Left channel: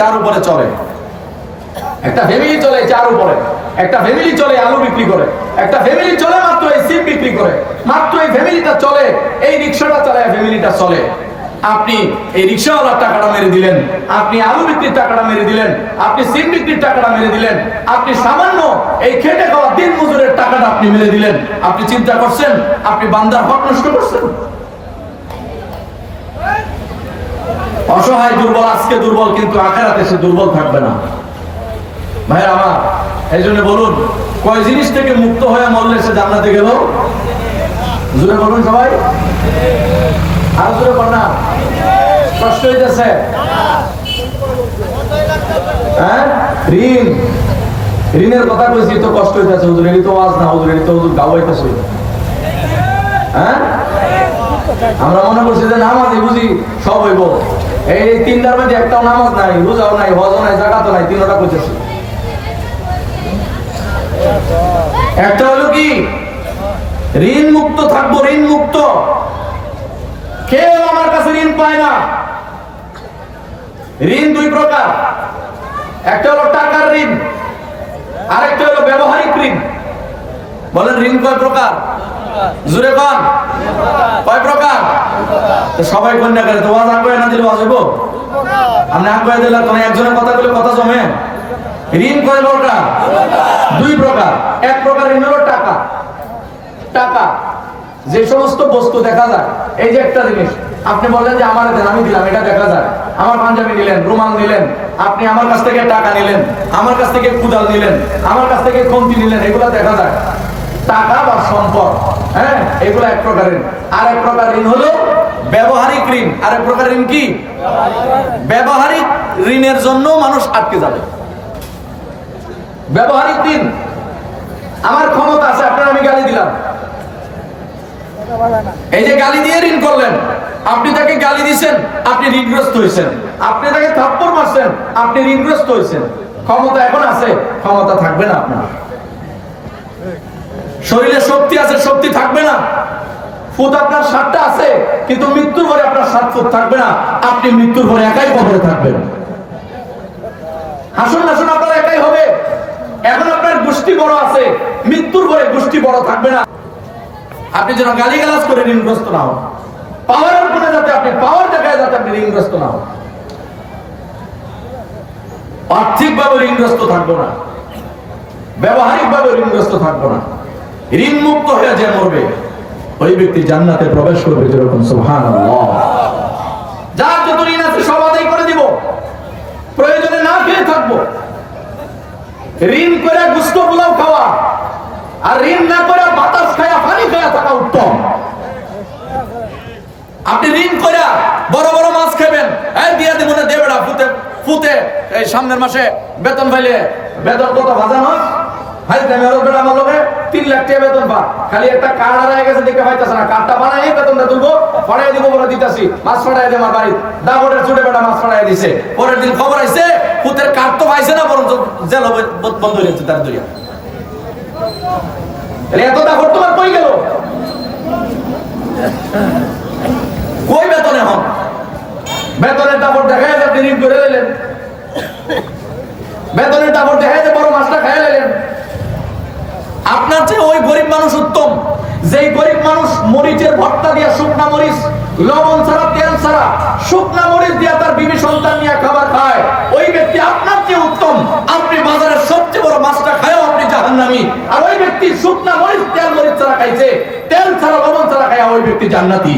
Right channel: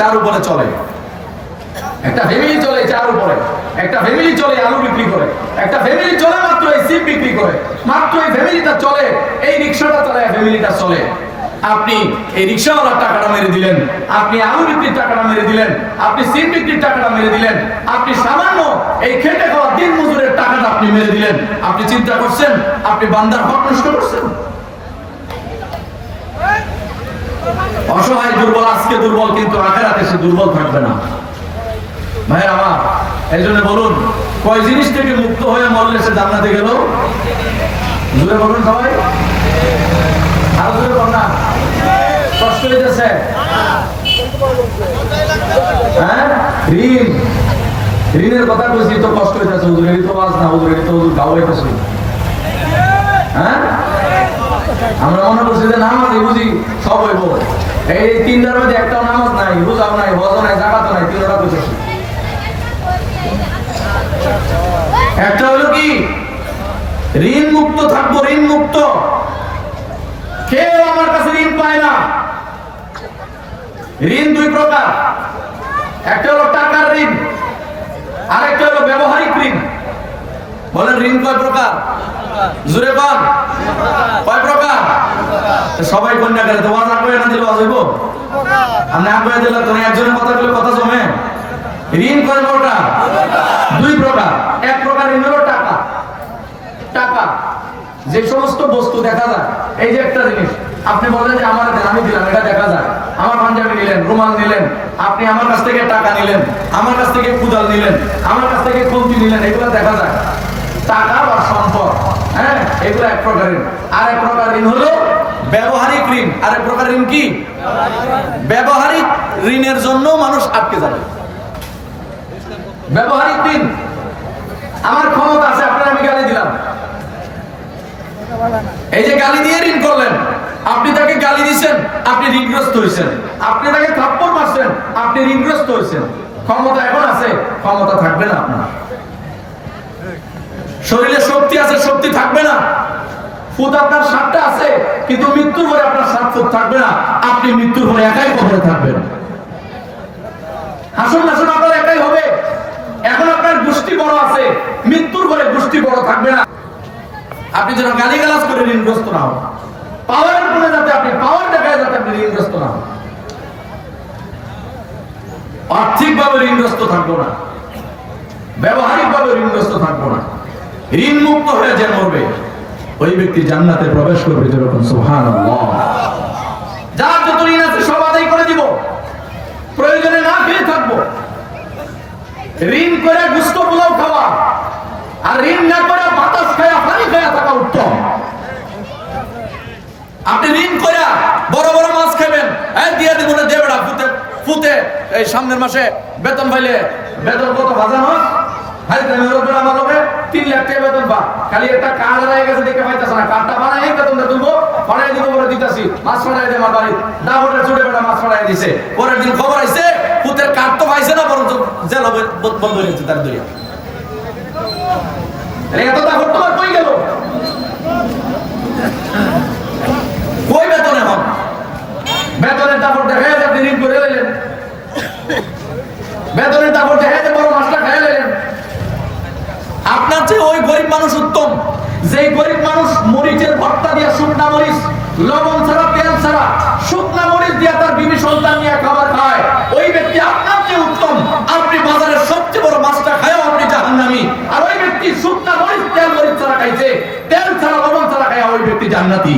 চার উপরে চলে, একটা ফ্যামিলি চলে চার উপরে, একটা ফ্যামিলি চলে আলু বিক্রি করে, একটা ফ্যামিলি চলে মাত্র এই সিম বিক্রি করে, মাত্র এই ফ্যামিলিটা চলে, এই রিক্সাটা চালায় ফ্যামিলিটা চলে। আপনি এই রিক্সাওয়ালার টাকাটা মেরে দিলেন, আপনি আলু বিক্রির টাকাটা মেরে দিলেন, আপনি সিম বিক্রির টাকাটা মেরে দিলেন, আপনি সামান্য এই খেটে খাওয়া দিন মজুরের টাকাটা আপনি মেরে দিলেন। আপনি চিন্তা করছেন আপনি বান্দার হক নষ্ট করছেন? অসহায় দুর্বল আজকে দুর্বল, কিন্তু আখিরাতে সে দুর্বল থাকবে না। ভাইয়ের আমার, এই জন্য বলুন, কয় জিনিস থেকে মুক্ত হয়ে মরলে সে জান্নাতে গেল? জোরে বলুন সবাই, আরো জোরে বল না। কষ্ট হইতেছে? হ্যাঁ, ঋণ, ঋণের কথা কইছি তো কষ্ট হইতেছে হুজুর, এই তো ওয়াজ না হুজুর, এই তো হুজুর গাওয়াইতেছে। হ্যাঁ, আমরা মনে করছি যে নামাজ বুঝি সব হইব, এই তিনটার মধ্যে একটাও নামাজ নাই, রোজাও নাই, হজও নাই, জাকাতও নাই, তিনটা কইতেছি। একটা হলো কি, ঋণ মুক্ত থাকবো, ঋণ মুক্ত। কেউ আমার কাছে ঋণ পায় না। ঋণ দুই প্রকার, একটা হলো টাকার ঋণ, আরেকটা হলো ব্যবহারিক ঋণ। বলেন ঋণ কয় প্রকার? জোরে কোন কয় প্রকার? সবাই কন্যা করে তো ওয়াজ আগে না দিলে ওয়াজ হইব? আপনি আগে দিলেন তো একজনের কথা বলে কথা জমে। ঋণ কয় প্রকার? দুই প্রকার। এক প্রকার ঋণ হলো টাকা। টাকা যে সমস্ত বস্তু দেখা যায়, এই যে একটা জিনিস আপনি বলেন যে আমার দেন, আমি দিলাম, এটা দেখা যায়। আমার পাঞ্জাবি নিলেন, রুমাল নিলেন, আপনি আমার কাছ থেকে টাকা নিলেন, আমার কাছ থেকে কুদাল নিলেন, আমার কাছ থেকে খন্তি নিলেন, এগুলো দেখা যায়। টাকা বা সম্পদ, হ্যাঁ, এগুলো এক প্রকার ঋণ। আর এক প্রকার ঋণ হলো ব্যবহারিক ঋণ। আর এক প্রকার ঋণ কি? ব্যবহারিক ঋণের জন্য মানুষ আটকে যাবে। ব্যবহারিক ঋণ, আমার ক্ষমতা আছে, আপনার আমি গালি দিলাম, এই যে গালি দিয়ে ঋণ করলেন, আপনি তাকে গালি দিচ্ছেন, আপনি ঋণগ্রস্ত হয়েছেন। আপনি তাকে থাপ্পড় মারছেন, আপনি ঋণগ্রস্ত হয়েছেন। ক্ষমতা এখন আছে, ক্ষমতা থাকবে না আপনার। শরীরে শক্তি আছে, শক্তি থাকবে না। ফুট আপনার 60টা আছে, কিন্তু মৃত্যুর পরে আপনার 7 ফুট থাকবে না। আপনি মৃত্যুর পরে একাই কবরে থাকবেন। হাসন নাসন আপনার একাই হবে। এখন আপনার গোষ্ঠী বড় আছে, মৃত্যুর পরে গোষ্ঠী বড় থাকবে না। আপনি যেন গালিগালাজ করে ঋণগ্রস্ত না হন, পাওয়ারের উপরে যাতে আপনি পাওয়ার দেখায়, যাতে আপনি ঋণগ্রস্ত না হন। আর্থিকভাবে ঋণগ্রস্ত থাকবো না, ব্যবহারিকভাবে ঋণগ্রস্ত থাকবো না। ঋণ মুক্ত হয়ে যে মরবে, ওই ব্যক্তি জান্নাতে প্রবেশ করবে। যেরকম সুবহানাল্লাহ। যার যত ঋণ আছে সব আদায় করে দিব, প্রয়োজনে না খেয়ে থাকবো। ঋণ করে গুস্ত পোলাও খাওয়া আর ঋণ না করে বাতাস খায়া পানি খায়া থাকা উত্তম। আপনি ঋণ করে বড় বড় মাছ খাবেন, এই দিয়ে দিব না, দেবে না, ফুতে ফুতে এই সামনের মাসে বেতন পাইলে, বেতন কত ভাজা মাছ আমার লোকে 3 লাখ টাকা বেতন পা, খালি একটা কার্ড হারিয়ে গেছে দেখে পাইতেছে না, কার্ডটা বানাই বেতনটা তুলবো, পড়াই দিব বলে দিতেছি, মাছ ছড়াই দিয়ে আমার বাড়ি দাবটের ছুটে বেটা মাছ ছড়াই দিছে। পরের দিন খবর আইছে পুতের কার্ড তো পাইছে না, বরং জেল বন্ধ হয়ে যাচ্ছে তার দরিয়া। এত দাবট তোমার কই গেল? কই বেতন? এখন বেতনের দাবট দেখায় আপনি ঋণ করে দিলেন, বেতনের দাবট দেখায় বড় মাছটা খাইয়া দিলেন। আপনার চেয়ে ওই গরিব মানুষ উত্তম, যেই গরিব মানুষ মরিচের ভর্তা দিয়া, শুকনা মরিচ, লবণ ছাড়া, তেল ছাড়া, শুকনা মরিচ দিয়া তার বিবি সন্তান নিয়ে খাবার খায়। ওই ব্যক্তি আপনার চেয়ে উত্তম। আপনি বাজারের সবচেয়ে বড় মাছটা খায়ও আপনি জাহান্নামী, আর ওই ব্যক্তি শুকনা মরিচ, তেল মরিচ ছাড়া খাইছে, তেল ছাড়া, লবণ ছাড়া খায়, ওই ব্যক্তি জান্নাতি।